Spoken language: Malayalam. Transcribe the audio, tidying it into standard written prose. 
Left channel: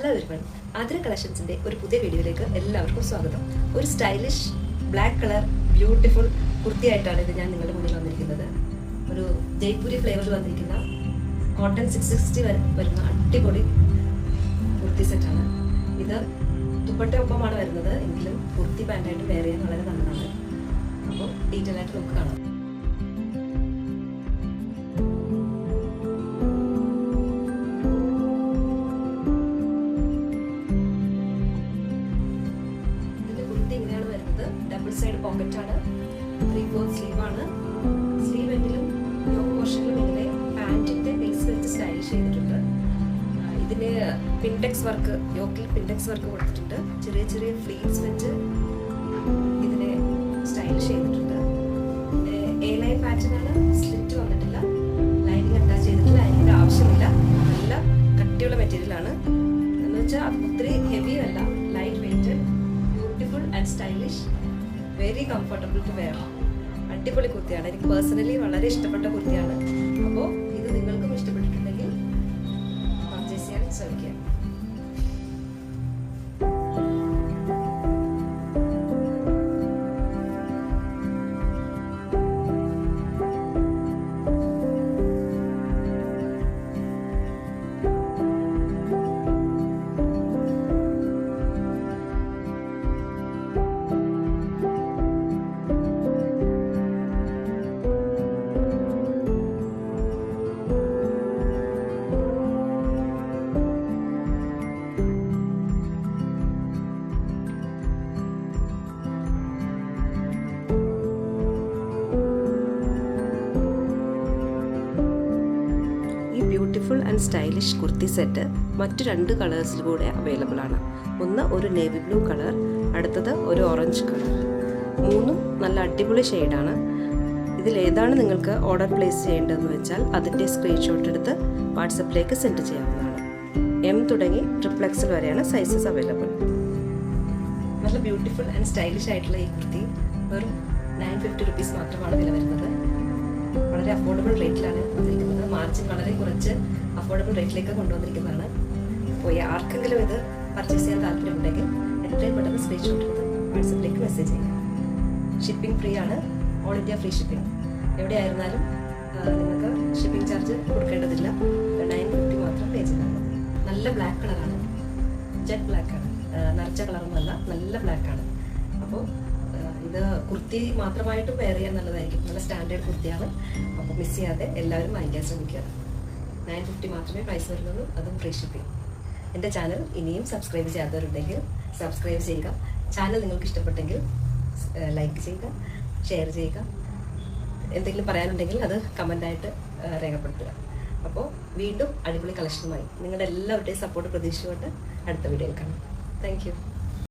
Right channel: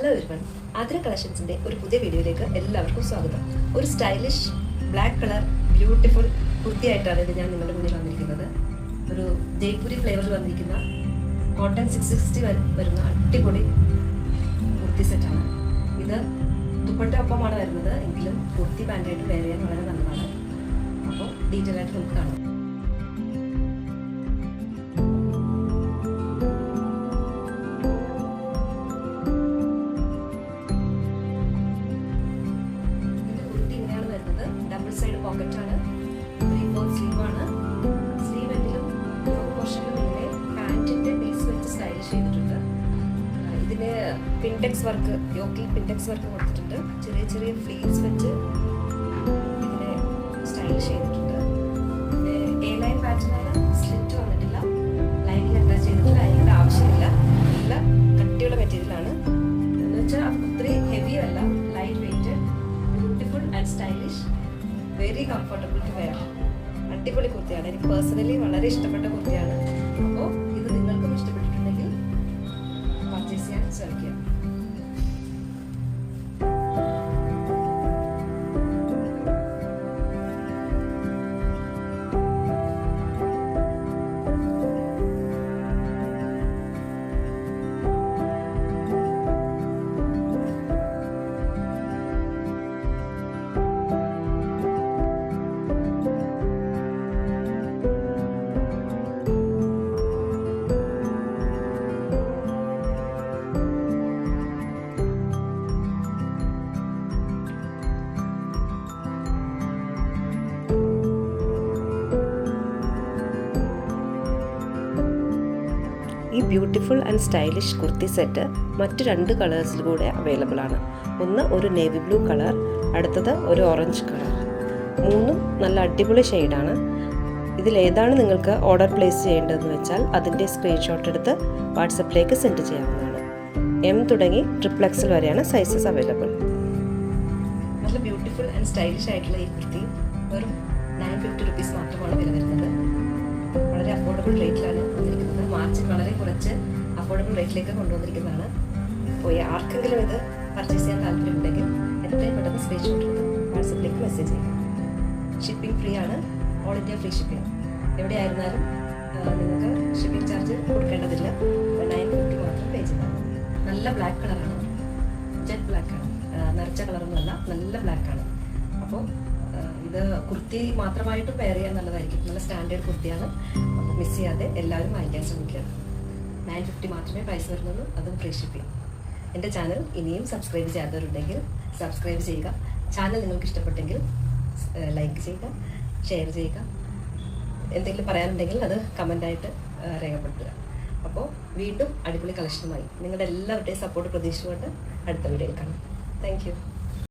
ഹലോ എവരിവൺ, ആതിര കളക്ഷൻസിന്റെ ഒരു പുതിയ വീഡിയോയിലേക്ക് എല്ലാവർക്കും സ്വാഗതം. ഒരു സ്റ്റൈലിഷ് ബ്ലാക്ക് കളർ ബ്യൂട്ടിഫുൾ കുർത്തിയായിട്ടാണ് ഇത് ഞാൻ നിങ്ങളുടെ മുന്നിൽ വന്നിരിക്കുന്നത്. ഒരു ജയ്പൂരി ഫ്ലേവറിൽ വന്നിരിക്കുന്ന കോട്ടൺ 660 വരുന്ന അടിപൊളി കുർത്തി സെറ്റാണ് ഇത്. ദുപ്പട്ട ഒപ്പമാണ് വരുന്നത്, എങ്കിലും കുർത്തി പാൻറ്റായിട്ട് വെയർ ചെയ്യാൻ വളരെ നല്ലതാണ്. അപ്പോൾ ഡീറ്റെയിൽ ആയിട്ട് നമുക്ക് കാണാം. ഡബിൾ സൈഡ് പോക്കറ്റ് ആണ്, 3/4 സ്ലീവ് ആണ്. സ്ലീവ് എൻഡിലും പോർഷനിലും ഇങ്ങനെ പാൻറ്റിന്റെ ബേസ് വെച്ച് സ്റ്റൈലിഷ് ചെയ്തിട്ടുണ്ട്. ഇതിന് പിൻടെക്സ് വർക്ക്, യോക്കിൽ പിൻടെക്സ് വർക്ക് കൊടുത്തിട്ടുണ്ട്. ചെറിയ ചെറിയ ഫ്ലീറ്റ്സ് വെച്ച് ഇതിനെ സ്റ്റൈലിഷ് ചെയ്തിട്ടുണ്ട്. പിന്നെ എ ലൈൻ പാറ്റേൺ ആണ്, സ്ലിറ്റ് വന്നിട്ടില്ല, ലൈനിങ് അറ്റാച്ച് ചെയ്തിട്ടില്ല, ലൈനിങ്ങിന്റെ ആവശ്യമില്ല. നല്ല കട്ടിയുള്ള മെറ്റീരിയൽ ആണ് എന്ന് വെച്ചാൽ അത് ഒത്തിരി ഹെവി അല്ല, light weighted, beautiful and stylish, very comfortable to wear. അടിപൊളി കുർത്തിയാണ്, എനിക്ക് പേഴ്സണലി വളരെ ഇഷ്ടപ്പെട്ട കുർത്തിയാണ്. അപ്പോൾ ഇത് നിങ്ങൾക്കും ഇഷ്ടപ്പെട്ടിട്ടുണ്ടെങ്കിൽ പർച്ചേസ് ചെയ്യാൻ ശ്രമിക്കുക. ഈ beautiful and stylish kurti set മറ്റു 2 കളേഴ്സിൽ കൂടെ അവൈലബിൾ ആണ്. ഒന്ന് ഒരു നേവി ബ്ലൂ കളർ, അടുത്തത് ഒരു ഓറഞ്ച് കളർ. മൂന്നും നല്ല അടിപൊളി ഷെയ്ഡാണ്. ഇതിലേതാണ് നിങ്ങൾക്ക് ഓർഡർ പ്ലേസ് ചെയ്യേണ്ടതെന്ന് വെച്ചാൽ അതിൻ്റെ സ്ക്രീൻഷോട്ട് എടുത്ത് വാട്സപ്പിലേക്ക് സെൻഡ് ചെയ്യാവുന്നതാണ്. M തുടങ്ങി XXL വരെയാണ് സൈസസ് അവൈലബിൾ. നല്ല ബ്യൂട്ടിഫുൾ ആൻഡ് സ്റ്റൈലിഷ് ആയിട്ടുള്ള ഈ കുർത്തി വെറും 950 റുപ്പീസ് മാത്രമാണ് വില വരുന്നത്. വളരെ അഫോർഡബിൾ റേറ്റിലാണ് വന്നിരിക്കുന്നത്. മാർച്ച് വളരെ കുറച്ച് അഫോർഡബിൾ റേറ്റിലേക്ക് കൊണ്ടുവന്നിരിക്കുന്നതാണ്. അപ്പോൾ ആർക്കെങ്കിലും ഇത് പർച്ചേസ് ചെയ്യാൻ താല്പര്യമുണ്ടെങ്കിൽ എത്രയും പെട്ടെന്ന് സ്ക്രീൻഷോട്ട് എടുത്ത് വാട്സപ്പിലേക്ക് മെസ്സേജ് ചെയ്യുക. ഷിപ്പിംഗ് ഫ്രീ ആണ്, ഓൾ ഇന്ത്യ ഫ്രീ ഷിപ്പിംഗ്. എവിടെയായിരുന്നാലും നിങ്ങൾക്ക് ഷിപ്പിംഗ് ചാർജ് കൊടുക്കേണ്ടതില്ല. 950 മാത്രം പേ ചെയ്താൽ മതി. നല്ല ബ്ലാക്ക് കളറാണ്, ജെറ്റ് ബ്ലാക്ക് ആണ്, നരച്ച കളറൊന്നുമല്ല, നല്ല ബ്ലാക്ക് ആണ്. അപ്പോൾ ഇത് കുർത്തി മാത്രമായിട്ട് വെയർ ചെയ്യാൻ നല്ലതായിരിക്കും. നല്ല സ്റ്റാൻഡേർഡ് കുർത്തിയാണ്. അപ്പോൾ മിസ് ചെയ്യാതെ എല്ലാവരും വാങ്ങിക്കാൻ ശ്രമിക്കുക. 950 മാത്രമേ പ്രൈസ് വരുന്നുള്ളൂ, അതും ഫ്രീ ഷിപ്പിംഗ്. എൻ്റെ ചാനൽ ഇനിയും സബ്സ്ക്രൈബ് ചെയ്യാത്തവരുണ്ടെങ്കിൽ സബ്സ്ക്രൈബ് ചെയ്യുക. ചാനൽ നിങ്ങൾക്ക് ഇഷ്ടപ്പെട്ടെങ്കിൽ ലൈക്ക് ചെയ്യുക, ഷെയർ ചെയ്യുക. എന്തെങ്കിലും പറയാനുണ്ടെങ്കിൽ അത് കമൻ്റായിട്ട് രേഖപ്പെടുത്തുക. അപ്പോൾ വീണ്ടും അടിപൊളി കളക്ഷനുമായി നിങ്ങളുടെ എല്ലാവരുടെയും സപ്പോർട്ട് പ്രതീക്ഷിച്ചുകൊണ്ട് അടുത്ത വീഡിയോയിൽ കാണാം. Thank you.